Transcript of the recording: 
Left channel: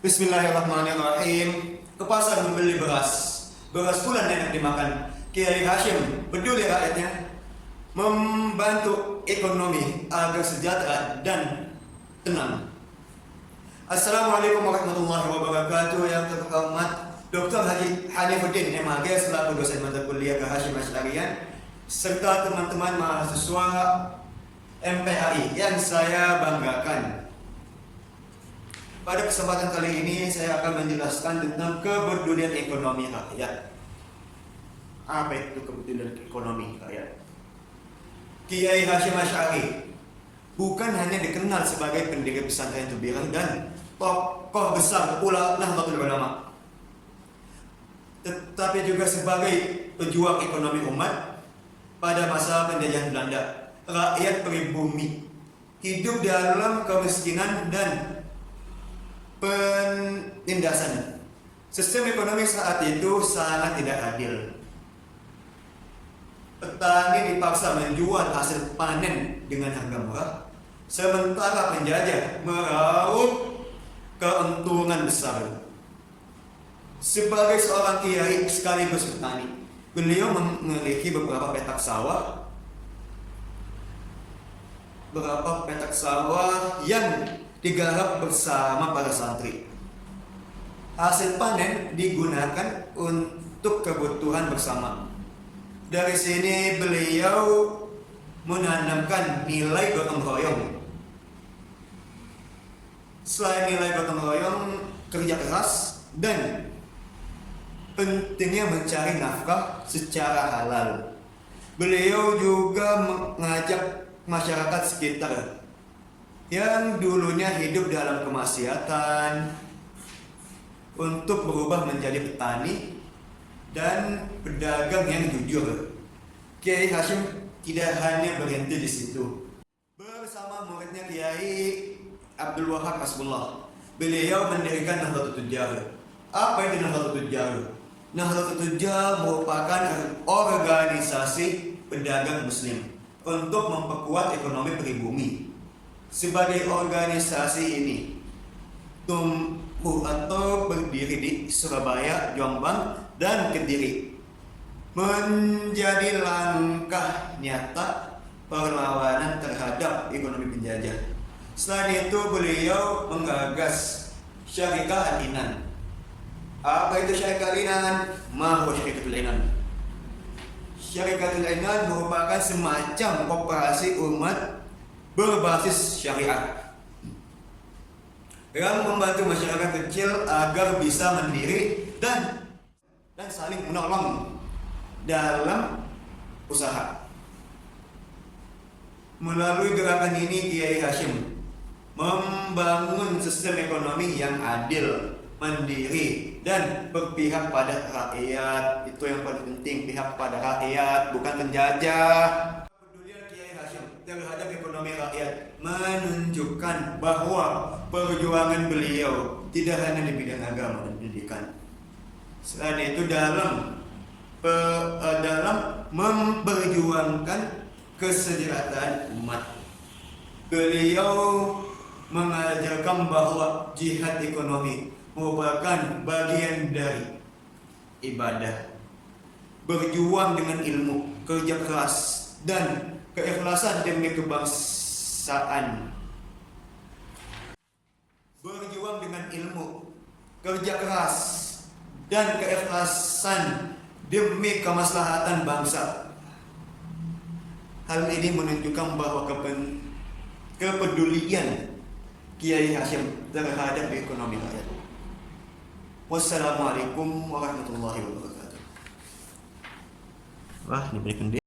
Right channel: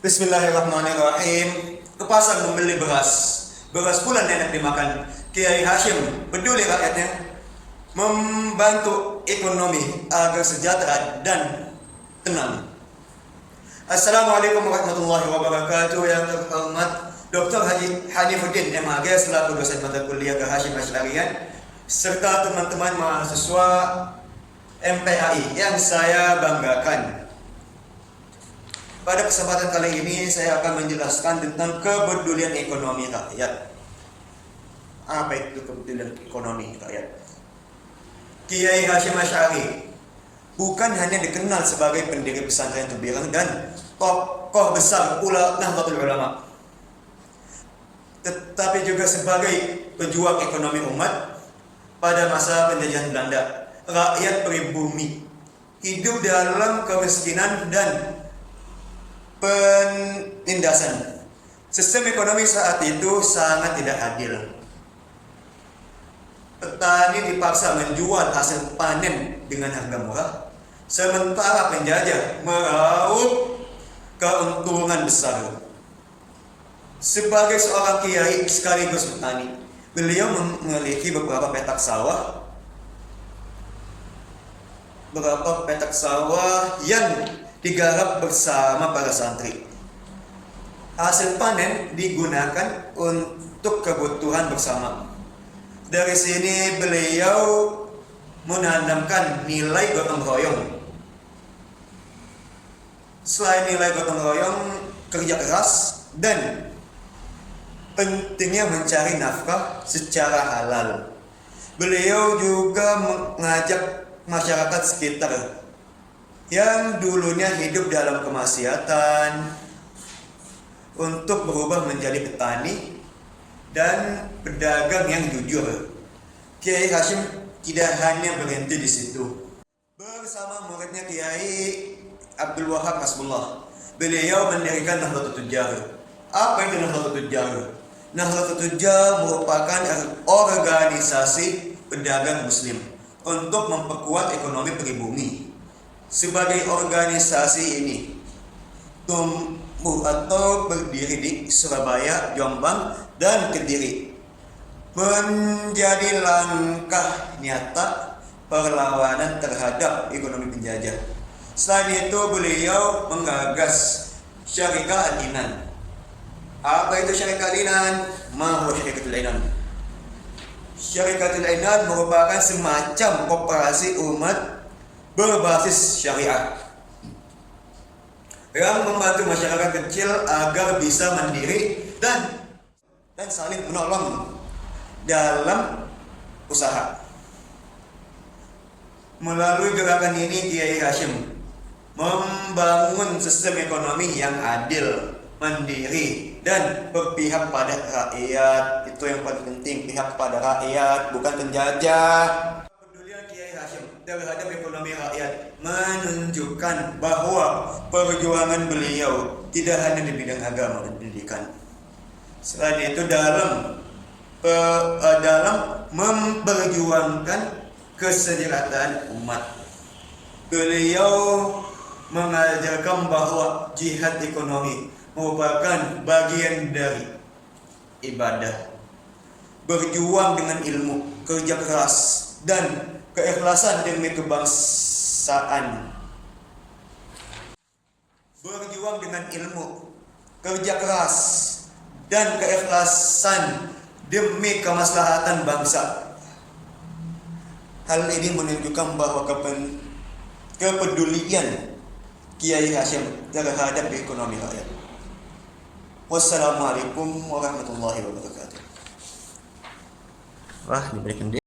Bismillahirrahmanirrahim. Ke pasar membeli beras. Beras pula enak dimakan. Kiai Hashim peduli rakyatnya, membantu ekonomi agar sejahtera dan tenang. Assalamualaikum warahmatullahi wabarakatuh. Yang terhormat Dr. Haji Hanifuddin MAG selaku dosen mata kuliah ke Hashim Asy'ariyan serta teman-teman mahasiswa MPAI yang saya banggakan. Pada kesempatan kali ini saya akan menjelaskan tentang kepedulian ekonomi rakyat. Apa itu kepedulian ekonomi rakyat? Kiai Hashim Asy'ari bukan hanya dikenal sebagai pendiri pesantren Tubiran dan tokoh besar Nahdlatul Ulama, tetapi juga sebagai pejuang ekonomi umat pada masa penjajahan Belanda. Rakyat pribumi hidup dalam kemiskinan dan penindasan. Sistem ekonomi saat itu sangat tidak adil. Petani dipaksa menjual hasil panen dengan harga murah, sementara penjajah meraup keuntungan besar. Sebagai seorang kiai sekaligus petani, beliau memiliki beberapa petak sawah yang digarap bersama para santri. Hasil panen digunakan untuk kebutuhan bersama. Dari sini beliau menanamkan nilai gotong royong. Selain nilai gotong royong, kerja keras dan pentingnya mencari nafkah secara halal. Beliau juga mengajak masyarakat sekitar yang dulunya hidup dalam kemaksiatan untuk berubah menjadi petani dan pedagang yang jujur. Kiai Hashim tidak hanya berhenti di situ. Bersama muridnya Kiai Abdul Wahab Hasbullah, beliau mendirikan Nahdlatul Tujjar. Apa itu Nahdlatul Tujjar? Nahdlatul Tujjar merupakan organisasi pedagang muslim untuk memperkuat ekonomi pribumi. Sebagai organisasi ini tumbuh atau berdiri di Surabaya, Jombang, dan Kediri, menjadi langkah nyata perlawanan terhadap ekonomi penjajah. Selain itu beliau menggagas Syarikat Al-Inan. Apa itu Syarikat Al-Inan? Mahu Syarikatul Inan. Syarikatul Inan merupakan semacam koperasi umat berbasis syariah yang membantu masyarakat kecil agar bisa mandiri dan saling menolong dalam usaha. Melalui gerakan ini Kiai Hashim membangun sistem ekonomi yang adil, mandiri, dan berpihak pada rakyat. Itu yang paling penting, pihak pada rakyat, bukan penjajah. Terhadap ekonomi rakyat menunjukkan bahwa perjuangan beliau tidak hanya di bidang agama dan pendidikan. Selain itu dalam memperjuangkan kesejahteraan umat. Beliau mengajarkan bahwa jihad ekonomi merupakan bagian dari ibadah. Berjuang dengan ilmu, kerja keras, dan keikhlasan demi kebangsaan. Berjuang dengan ilmu, kerja keras, dan keikhlasan demi kemaslahatan bangsa. Hal ini menunjukkan bahwa kepedulian Kiai Hashim terhadap ekonomi rakyat. Wassalamualaikum warahmatullahi wabarakatuh. Wah, diberikan dia.